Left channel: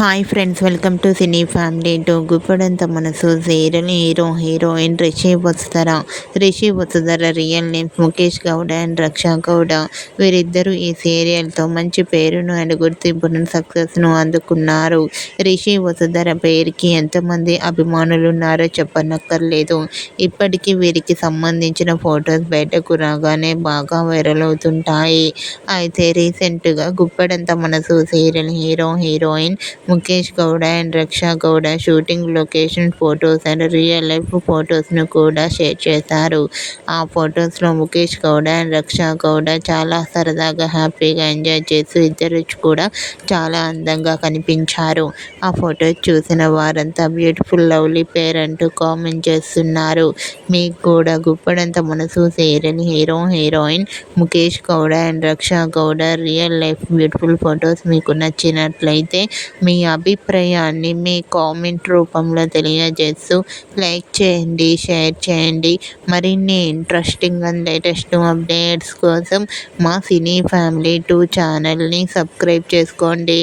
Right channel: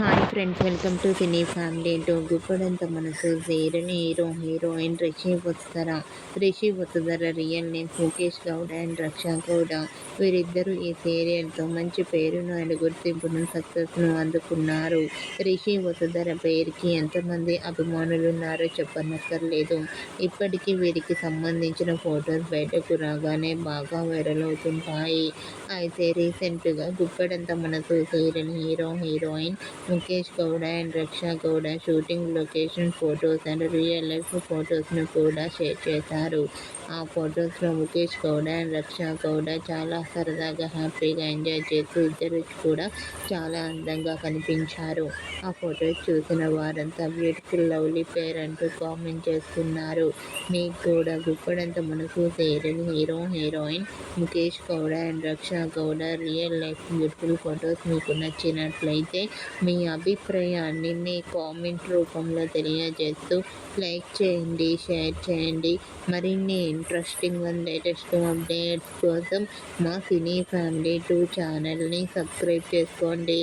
Hi friends, welcome to cine family. To Guppedantha మనసు serial heroine Rishi Vasudhara real names Mukesh Gowda and Raksha Gowda. వీరిద్దరూ ఈ సీరియల్తో మంచి పేరును అండ్ గుర్తింపును సక్సెస్ను అందుకున్నారు. రిషి వసుధర పేరుకి ఎంతమంది అభిమానులు ఉన్నారో చెప్పనక్కర్లేదు. ఇప్పటికీ వీరికి సంబంధించిన ఫొటోస్ బయటకు రాగానే బాగా వైరల్ అవుతుంటాయి. అయితే రీసెంట్గా గుప్పడంత మనసు serial heroine Mukesh Gowda and Raksha Gowda shooting location photos and real life ఫొటోస్ను కూడా షేర్ చేశారు. ఆ ఫొటోస్లో ముఖేష్ గౌడ అండ్ రక్షా గౌడ చాలా సరదాగా హ్యాపీగా ఎంజాయ్ చేస్తూ ఇద్దరు కూడా చాలా అందంగా కనిపించారు. ఆ ఫొటోస్ చూసిన వారంతా బ్యూటిఫుల్ లవ్లీ పేర్ అంటూ కామెంట్ చేస్తున్నారు. మీకు కూడా గుప్పడంత మనసు serial heroine Mukesh Gowda and Raksha Gowda real life beautiful photos మీకు నచ్చినట్లయితే మీ అభిప్రాయాన్ని మీ కామెంట్ రూపంలో తెలియజేస్తూ లైక్ చేయండి, షేర్ చేయండి. మరిన్ని ఇంట్రెస్టింగ్ అండ్ లేటెస్ట్ అప్డేట్స్ కోసం మా సినీ ఫ్యామిలీ 2 ఛానల్ని సబ్స్క్రైబ్ చేసుకోండి.